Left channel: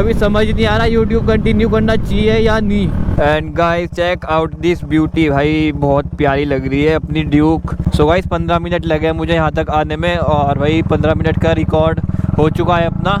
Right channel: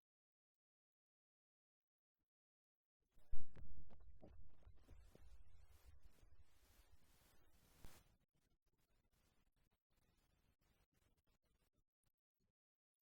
अभी समझ नहीं आ रहा यूट्यूब कंटिन्यू करना चाहिए या नहीं। And guys check out this beauty, भाई बहुत प्यारी लग रही है अपनी ड्यूक। सो गाइस 15 मिनट लगे मुझे यहाँ तक आने में और भाई 15 मिनट का रिकॉर्ड हो चुका है अपना।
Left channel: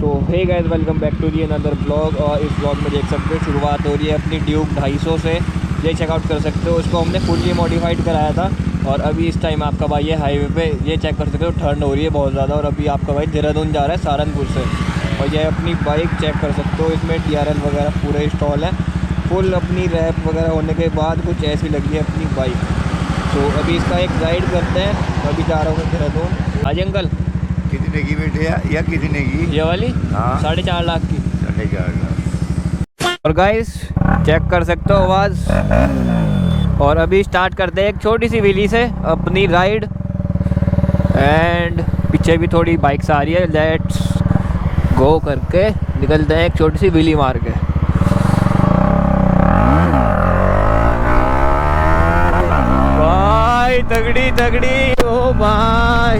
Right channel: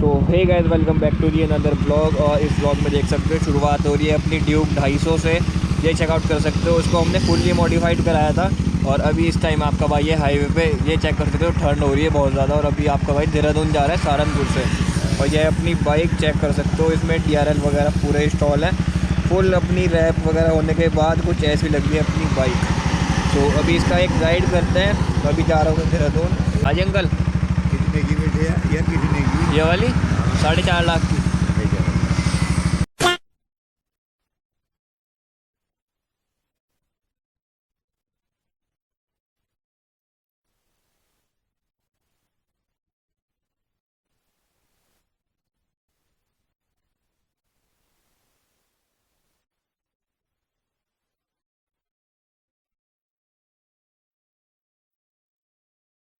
So hey guys welcome back to the another blog. और इस ब्लॉग में देख सकते हो शुरुआत हो रही है अपनी ड्यूक 250 से। ये चेकआउट कर सकते हो, उसको हमने फुल्ली मॉडिफाइड कराया था और अभी इस टाइम आपका भाई ये हाईवे पे ये चेक कर सकते हो ठंड हो रही है बहुत ज़्यादा। और अभी आपका भाई देहरादून जा रहा है सहारनपुर से। और ये अपनी बाइक चेक कर सकते हो, इसमें DRL वगैरह पूरे इंस्टॉल है, फुल अपनी रैप वगैरह होने के बाद कुछ ऐसी लगी है अपनी बाइक। सो अभी इसका एक राइड करते हैं। अभी जा रहा हूँ देहरादून। हाँ जी अंकल, कितने की बैठे या कितने की? ये वाली हाँ। 4.5 लाख की। 4.5 और गाइस चेक कर सकते हो आवाज़। और अभी स्टार्ट करते हैं एक छोटी सी व्हीली से अपनी राइड। एंड पीछे भी थोड़ी बाइक्स आ रही है, लेट्स गो करके निकलते हैं एक छोटी सी व्हीली मार के। भाई तगड़ी तगड़ी, ओ भाई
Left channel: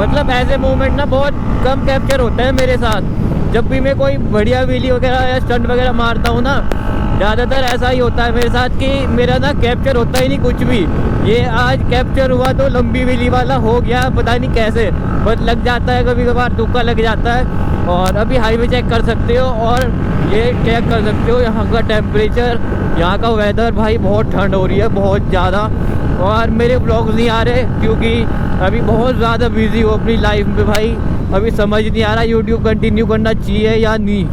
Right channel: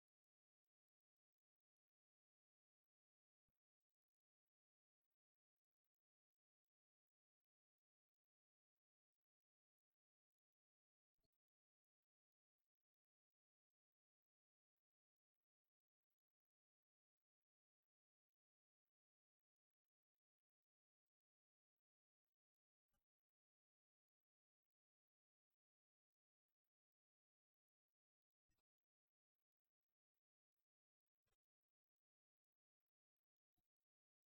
मतलब ऐसे मूवमेंट ना बहुत कम कैप्चर होते हैं मेरे साथ। जब भी मैं कोई बढ़िया व्हीली वगैरह या स्टंट वगैरह मारता हूँ ना, ज़्यादातर ऐसा ही होता है मेरे साथ कि मेरा ना कैप्चर होता ही नहीं कुछ भी। ये आज कैप्चर हुआ तो लंबी व्हीली वाला हो गया, पता नहीं कैसे, बस लग जाता है कभी कभार, तुक्का लग जाता है। और अभी हाईवे चेक कर सकते हो और ये चेक कर सकते हो यहाँ का टेम्परेचर, यहाँ का वेदर। भाई बहुत ठंड हो रही है बहुत ज़्यादा। और मेरे ब्लॉग्स नहीं आ रहे क्योंकि अभी बहुत ज़्यादा बिजी हो अपनी लाइफ में। भाई अभी समझ नहीं आ रहा यूट्यूब कंटिन्यू करना चाहिए या नहीं।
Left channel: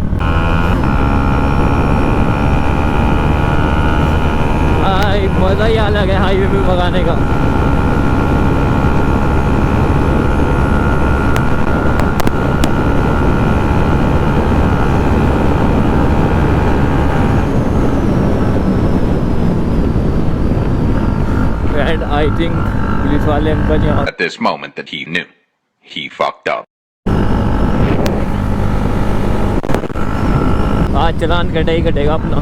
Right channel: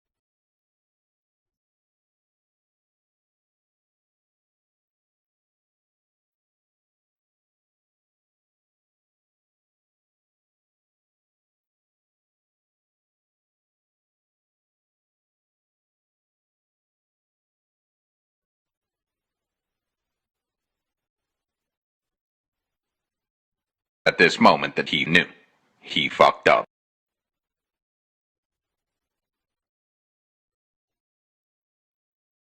भाई मज़ा ही अलग है हाईवे पे भगाने का। एंड आई थिंक पुलिस वाले अंकल यहाँ। At this moment that he knew, he fucked up. आज चलान कटे ही कटेगा अपना।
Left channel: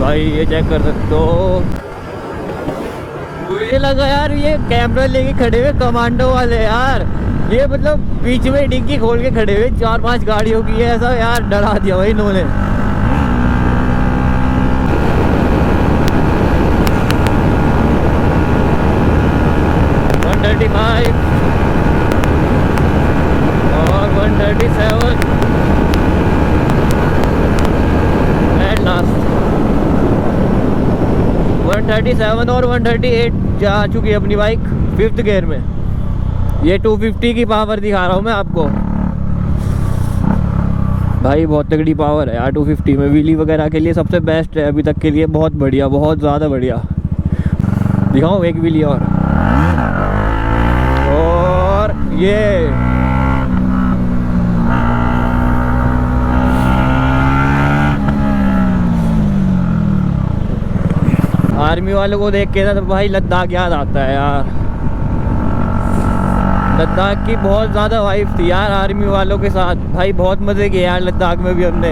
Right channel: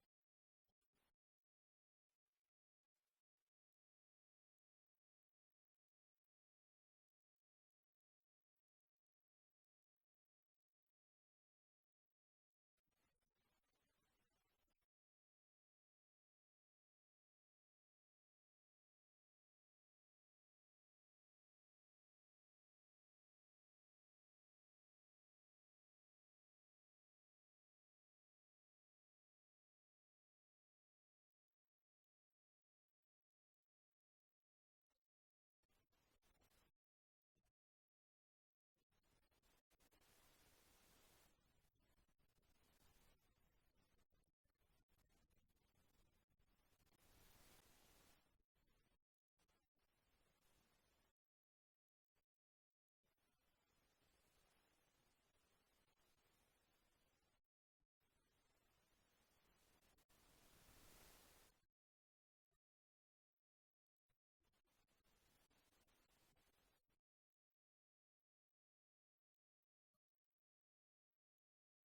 भाई ये चेक कर सकते हो, मुझे लगा यार ये कैमरा लेके खड़े हुए कमांडो वाले यार। ये मतलब बीच में डिग्गी खोल के खड़े हुए 4-5 गाड़ियों की है, ऐसा यार डरा दिया भाई इन्होंने। और 137 एंड लास्ट 137 और 138 जा चुकी है अपनी बाइक 5th गियर में। ये 250 की पावर दिखा रहा हूँ मैं आपको। भाई बहुत तगड़ी पावर है यार 250 में। व्हीली वगैरह के लिए सबसे बेस्ट है अभी तक के लिए, बहुत बढ़िया, बहुत ज़्यादा बढ़िया। दिखाऊँ एक व्हीली और ये आर्मी वालों को देख के ना तो भाई लद्दाख याद आता है यार। लद्दाख की बहुत ज़्यादा वाइफ थी यार आर्मी वालों के साथ। भाई बहुत मज़े किए यार लद्दाख में भी हमने।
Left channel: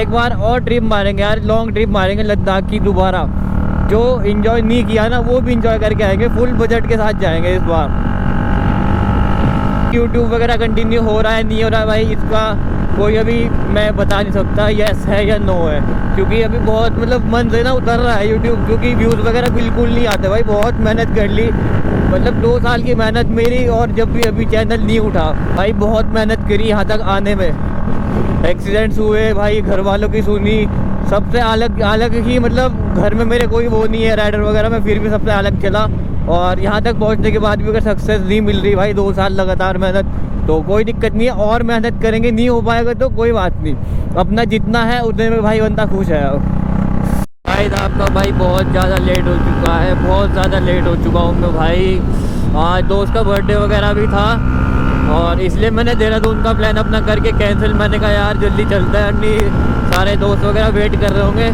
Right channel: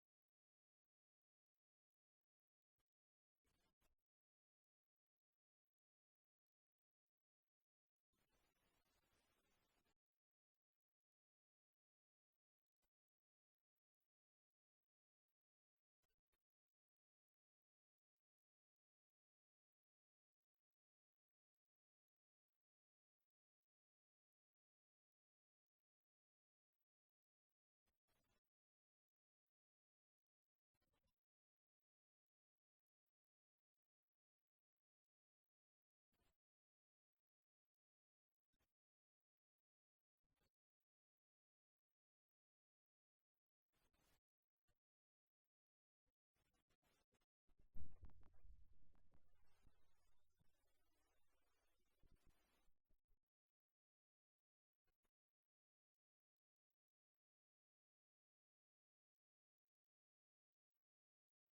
एक बार और ट्रिप मारेंगे यार, लॉन्ग ट्रिप मारेंगे लद्दाख की दोबारा। जो इन्जॉय नहीं किया ना वो भी इन्जॉय करके आएंगे, फुल बजट के साथ जाएंगे इस बार। यूट्यूब वगैरह कंटिन्यू हो रहा है नहीं हो रहा है भाई, इसका कोई अभी मैं बता नहीं सकता यस है या नो है, क्योंकि अभी बहुत मतलब मन से ना उतर रहा है यूट्यूब, क्योंकि व्यूज़ वगैरह बिल्कुल नहीं आते भाई। बहुत मेहनत कर ली, मतलब 2 साल की मेहनत मेरी, और जब भी अभी चैनल नहीं उठा भाई बहुत मेहनत करी यहाँ तक आने में। एक्सीडेंट्स हुए भाई, घर वालों की सुनी, सबसे अलग अलग ही, मतलब घर में मेरे कोई वो नहीं है राइडर वगैरह में, फिर भी सबसे अलग चला। और यहाँ तक पहुँचने के बाद भी अगर सक्सेस नहीं मिल रही भाई 2 साल लगातार मेहनत, तो कोई दिक्कत नहीं है, और मेहनत करेंगे, नहीं हो पाएगा तो कोई बात नहीं, अपना जितना है उतने में भाई बंदा खुश है। भाई आपका भाई बहुत ज़्यादा लेट हो चुका है, बहुत ज़्यादा लेट हो चुका हूँ मैं भाई। आज दोस्त का बर्थडे वगैरह भी था और इसलिए मैंने देहरादून का प्लान अपना करके कैंसिल। मैंने कहा यार जल्दी चलता है, नहीं सारे दोस्त वगैरह वेट कर रहे होंगे।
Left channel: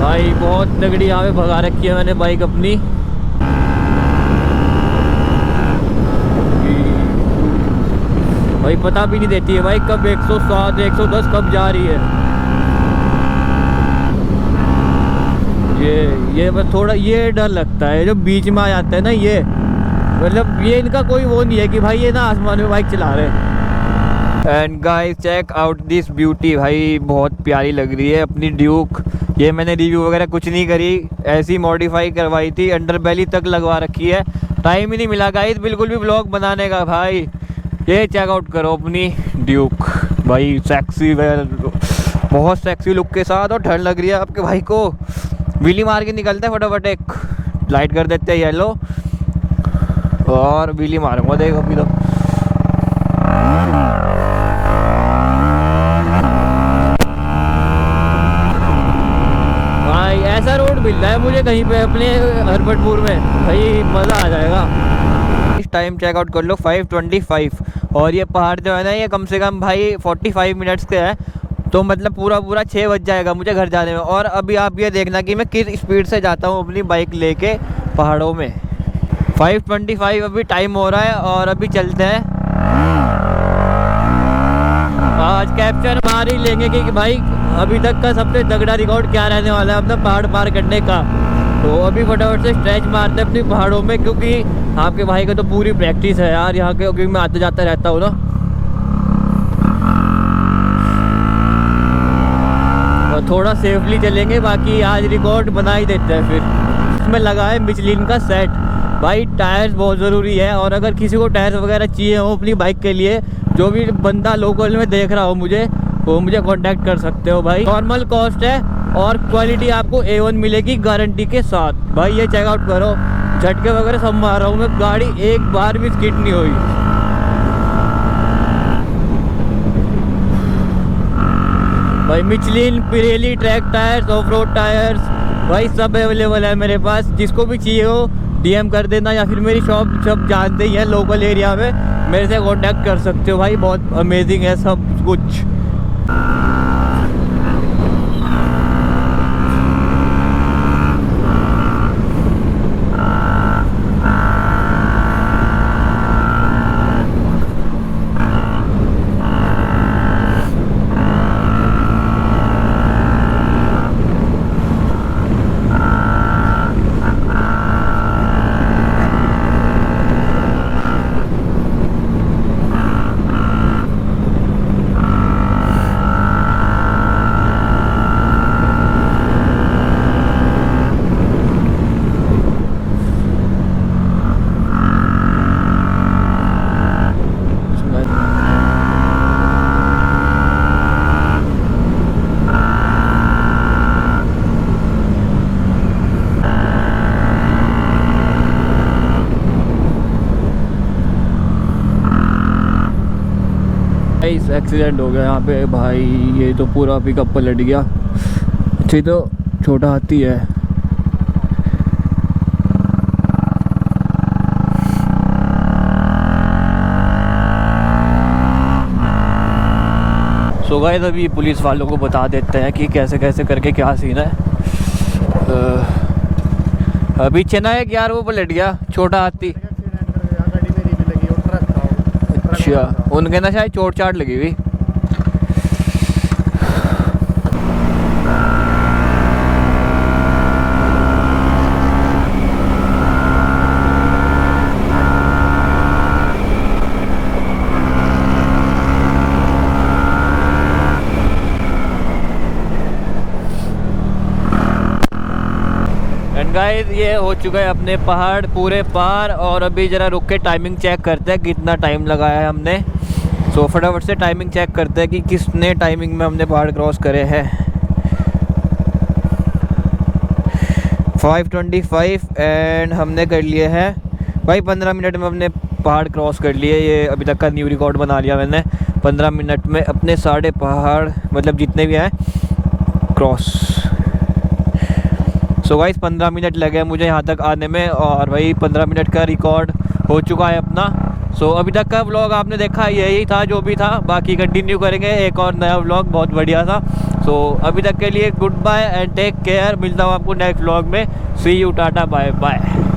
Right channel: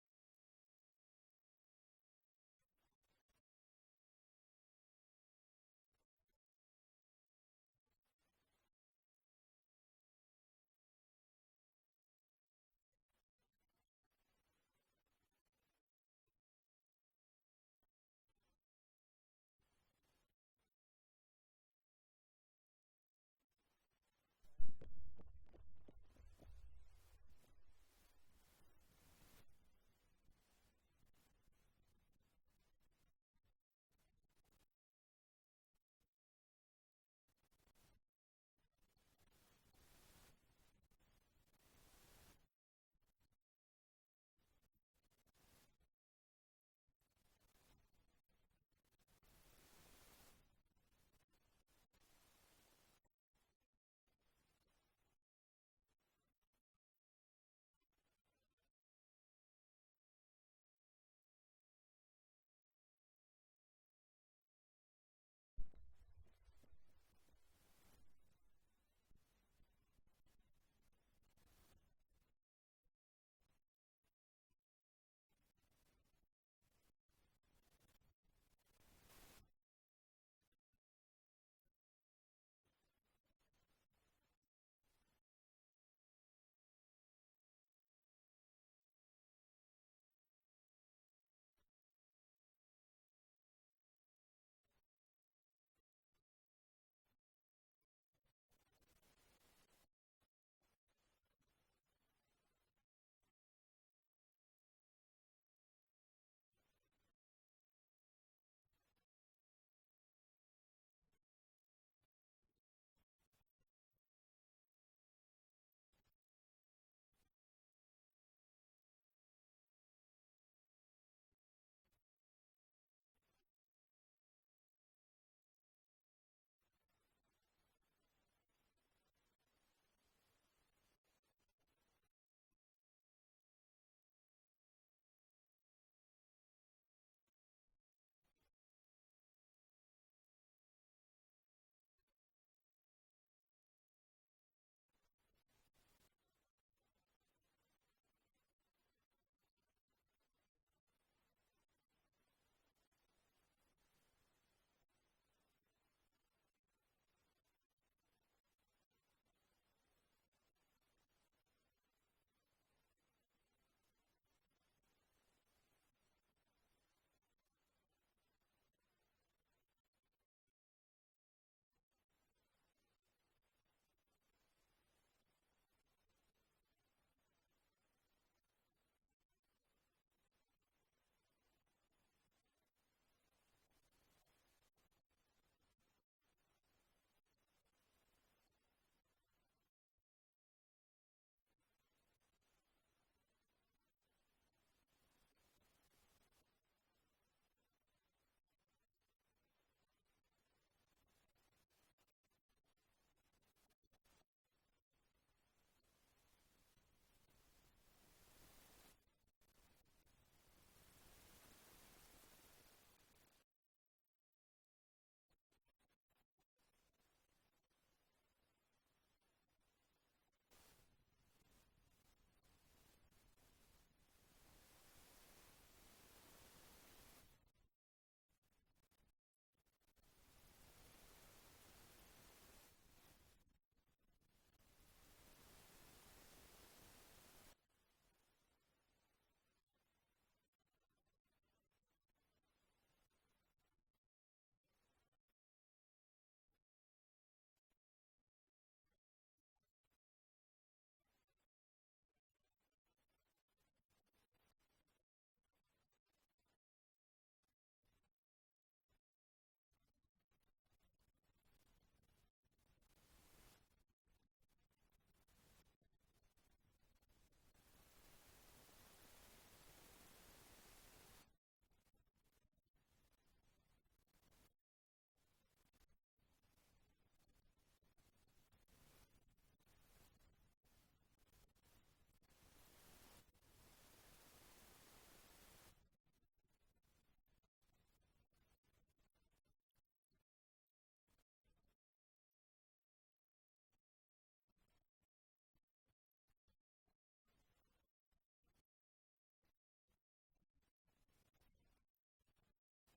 भाई बहुत तगड़ी यहाँ पे भगा रखी है मैंने बाइक अपनी। भाई पता भी नहीं देती है भाई कब 107 110 कब जा रही है। ये बस थोड़ा ये डर लगता है जो बीच में आ जाता है ना, ये मतलब ये इनका कोई वो नहीं है कि भाई ये ना आसमान में बाइक चला रहे हैं। And guys check out this beauty, भाई बहुत प्यारी लग रही है अपनी ड्यूक। ये मैंने रिव्यू वगैरह कुछ नहीं करी, ऐसी मॉडिफाई करवाई थी, अंडर बेली तक लगवा रखी है। टाइम ही नहीं मिला गाइस बिल्कुल भी व्लॉग बनाने का। भाई ये चेक आउट करो अपनी ड्यूक, भाई सेक्सी बहुत सेक्सी लुक के साथ, और ठंड लग रही है आपके भाई को। व्हीली मार के निकलता है फटाफट, एक लाइट कर देते हैं येलो और व्हीली मारूंगा, देखो अभी तो। भाई ऐसा रोड मिल रहा है मुझे कहीं पे अपने हरबटपुर में, भाई मज़ा आ जाएगा। इस टाइम चेकआउट कर लो 5:25, और ये पहाड़ जो है ना ये कम से कम भाई 45 मिनट्स के है, तो मतलब पूरा 6 बज जाएगा मुझे घर जाने में। और अभी आप ये देखना कि मैं किस स्पीड से जाता हूँ अपनी बाइक लेके पहाड़ों में। 5:25 अभी टाइम हो रहा है और अभी चलते हैं। आज कैप्चर मार ही लेंगे कि भाई अभी तक का सबसे तगड़ा रिकॉर्ड क्या रहने वाला है अपना पहाड़ पार करने का। तो अभी फटाफट से स्ट्रेच मारते हैं अपनी पहाड़ों में, क्योंकि आपके भाई का तो पूरी प्रैक्टिस है यार यहाँ के, क्योंकि मैं आते जाता रहता हूँ ना। और थोड़ा सेफली चलेंगे, बाकी आज रिकॉर्ड बना ही देते हैं। फिर इसमें लगा है मिचलिन का सेट, भाई टायर्स बहुत ज़रूरी है। और अगर किसी को टायर्स वगैरह चाहिए हो अपनी बाइक के लिए, जो भी बंदा लोकल में देख रहा हो मुझे, वो मुझे कांटेक्ट कर सकते हो भाई। नॉर्मल कॉस्ट है और क्वालिटी आपको A1 मिलेगी गारंटी के साथ। भाई ये चेकआउट करो, झटके वगैरह सब मार रहा हूँ मैं, गाड़ी एक बार भी स्किड नहीं हुई। भाई Michelin, Pirelli track tyres, off road tyres, भाई सब अवेलेबल है मेरे पास। जिसको भी चाहिए हो DM कर देना, या फिर मेरी शॉप सब जानते ही हैं लोकल एरिया में, मेरे से कांटेक्ट कर सकते हो भाई। बहुत अमेजिंग है सब कुछ। एक्सीडेंट हो गया यहाँ पे भाई, ये तो पूरा पिकअप पलट गया। अच्छा तो छोटा हाथी है। सो गाइस अभी पुलिस वालों को बता देते हैं कि कैसे कैसे करके क्या सीन है। अभी चेनाक यार वो पलट गया छोटा हाथी। अच्छा उनके ना शायद चोट चाट लगी हुई। गाइस ये हो चुका है अपने पहाड़ पूरे पार, और अभी ज़रा रुक के टाइमिंग चेक करते हैं कितना टाइम लगाया है हमने। सो फटाफट से टाइमिंग चेक करते हैं कि किसने टाइमिंग में हमने पहाड़ क्रॉस करे हैं। 5:25 एंड हमने कर लिए हैं भाई 15 मिनट में हमने पहाड़ क्रॉस कर लिए। ये अभी तक का न्यू रिकॉर्ड बना लिया मैंने, 15 मिनट में अपने सारे पहाड़ मतलब जितने भी हैं क्रॉस। सो गाइस 15 मिनट लगे मुझे यहाँ तक आने में, और भाई 15 मिनट का रिकॉर्ड हो चुका है अपना। सो अभी तक का व्लॉग आपने देखा यही था जो भी था, बाकी कंटिन्यू करेंगे एक और नया व्लॉग बहुत बढ़िया था। सो अभी तक के लिए good bye and take care. मिलता हूँ आपको नेक्स्ट व्लॉग में। See you, ta-ta, bye bye.